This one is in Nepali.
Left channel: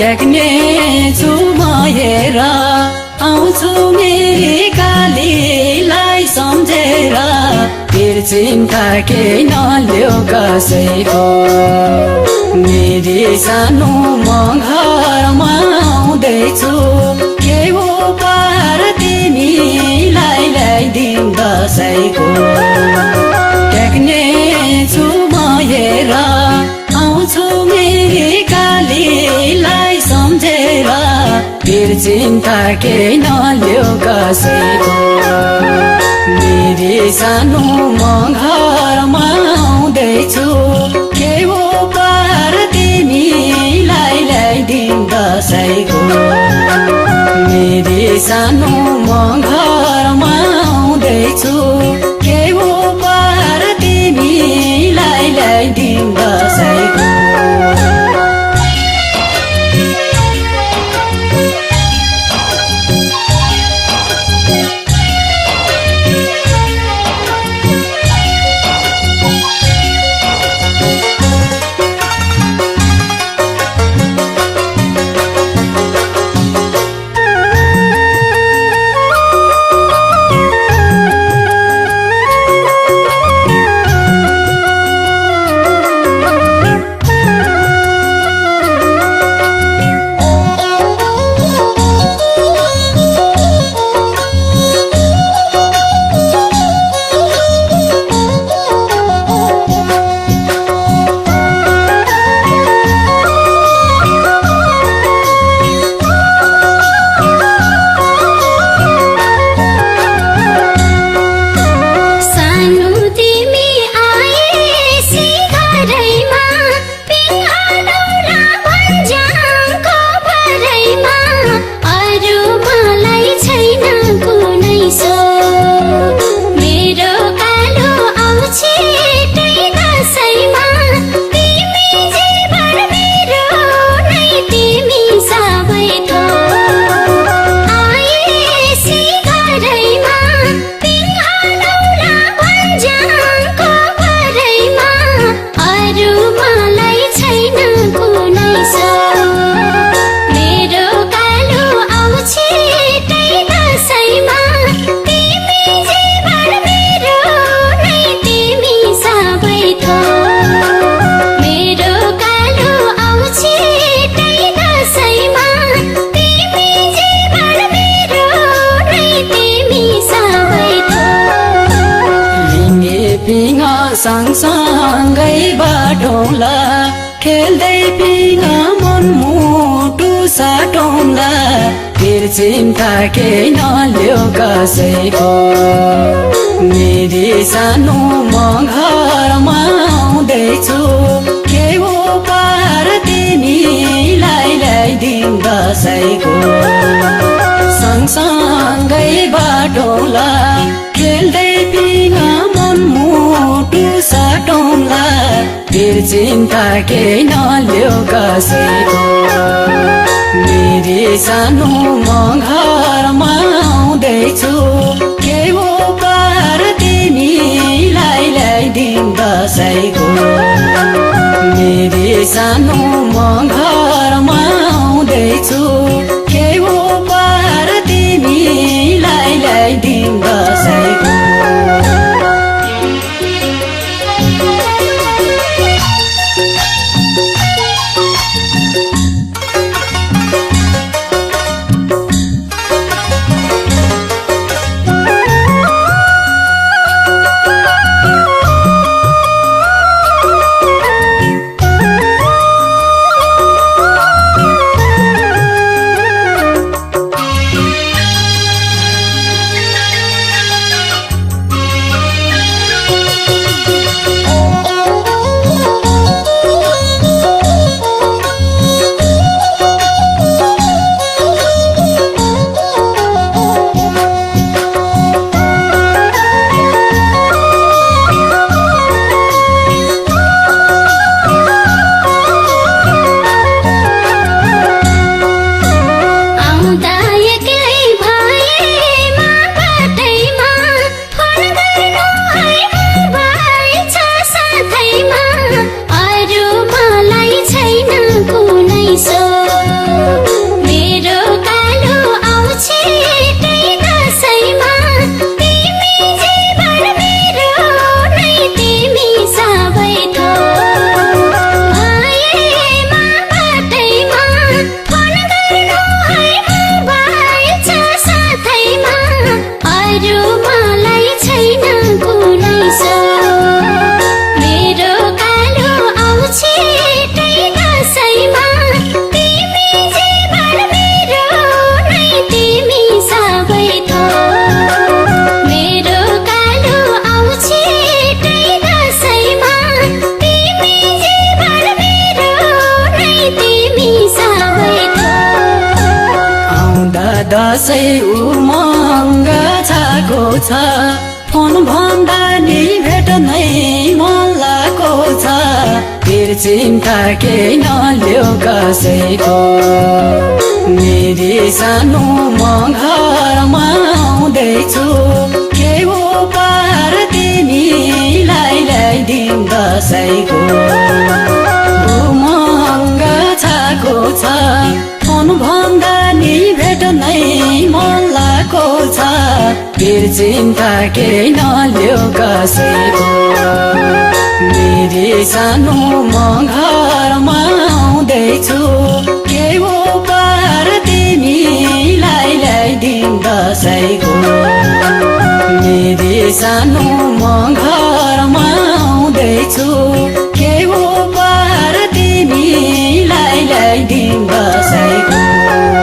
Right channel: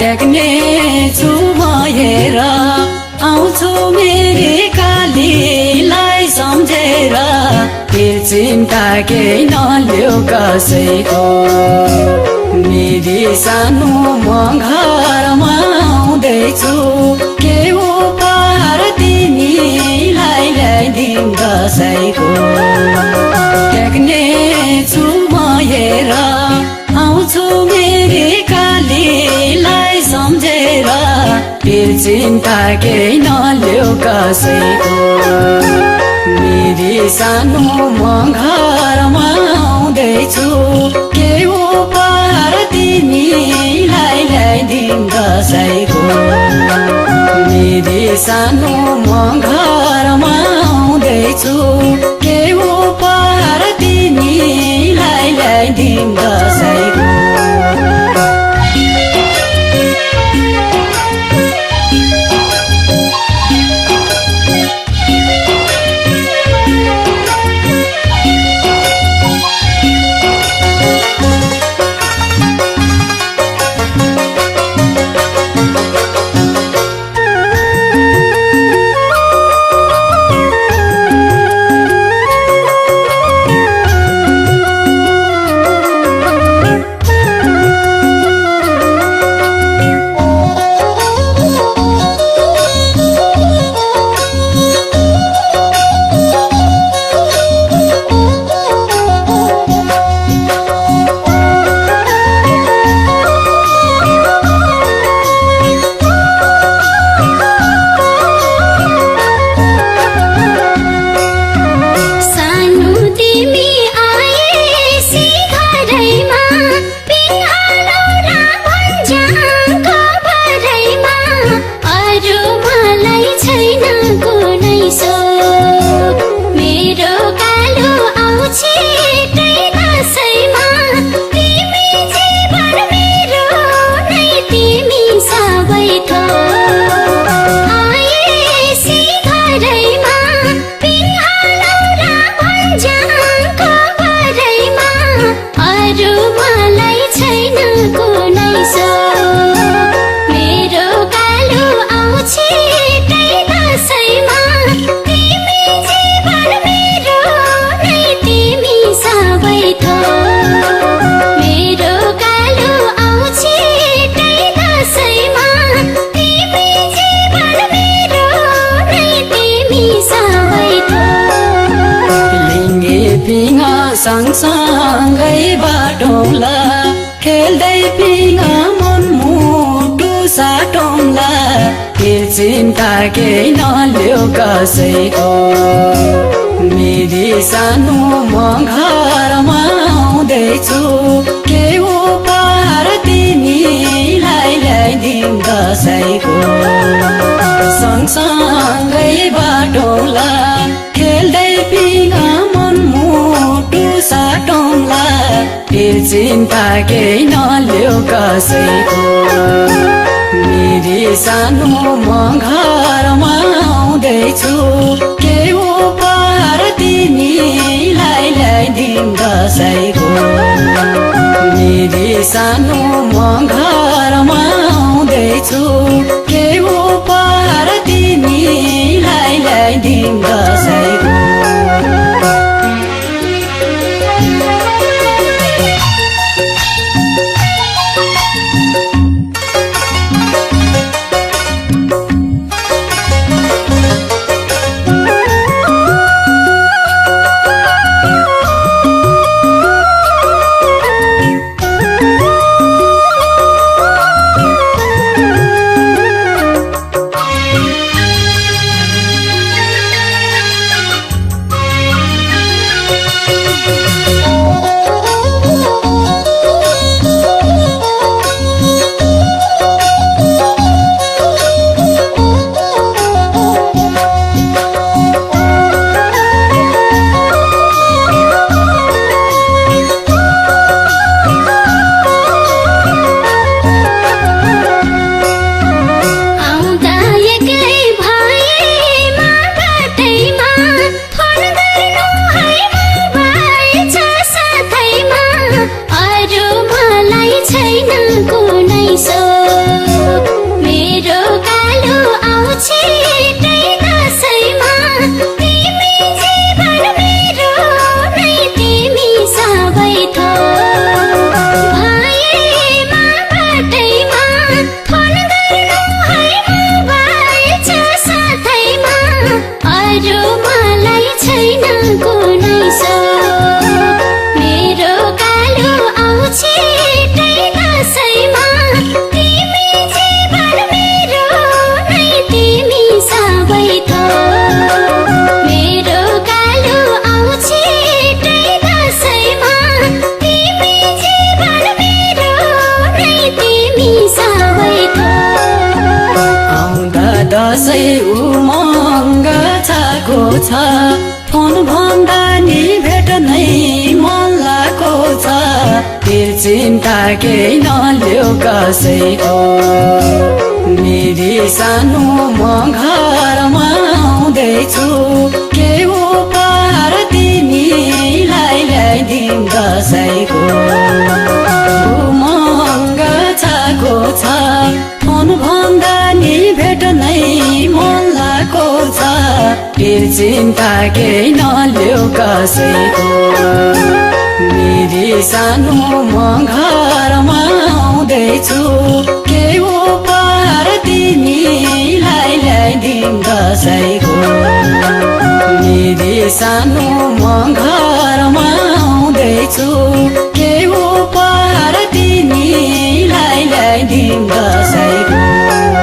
टेक्ने छु भएर आउँछु मेरी कालीलाई सम्झेर फिर चिन्ता केही नल्यो कसैको मेरी सानो म घरमा आउँदैछु के उपहार तिमीलाई ल्याइदिउँ दसैँको टेक्ने छु भएर आउँछु मेरी कालीलाई सम्झेर फिर चिन्ता केही नल्यो कसैको मेरी सानो म घरमा आउँदैछु के उपहार तिमीलाई ल्याइदिउँ दसैँको मेरी सानो म घरमा आउँदैछु के उपहार तिमीलाई ल्याइदिउँ दसैँको सँगसँगै बाटौँला खेल्दै पिङा मन मुटु साटौँला फिर चिन्ता केही नल्यो कसैको मेरी सानो म घरमा आउँदैछु के उपहार तिमीलाई ल्याइदिउँ दसैँको सँगसँगै बाटौँला खेल्दै पिङा मन मुटु साटौँला फिर चिन्ता केही नल्यो कसैको मेरी सानो म घरमा आउँदैछु के उपहार तिमीलाई ल्याइदिउँ दसैँको मेरी सानो म घरमा आउँदैछु के उपहार तिमीलाई ल्याइदिउँ दसैँको सो मेरो कालो आउँछ दसैँमा तिमी जीवन मेरो नै तिमी सबै थोक मेरो कालो आउँछ दसैँमा तिमी जीवन मेरो नै तिमी सबै थोक आउँदा दसैँ उमङ्ग छाको छ फोन भन्दा नि भेट नै मन लागेको छ फेरि चिन्ता केही नल्यो कसैको मेरी सानो म घरमा आउँदैछु के उपहार तिमीलाई ल्याइदिउँ दसैँको उमङ्ग छाको छ फोन भन्दा नि भेट नै मन लागेको छ फेरि चिन्ता केही नल्यो कसैको मेरी सानो म घरमा आउँदैछु के उपहार तिमीलाई ल्याइदिउँ दसैँको मेरी सानो म घरमा आउँदैछु के उपहार तिमीलाई ल्याइदिउँ दसैँको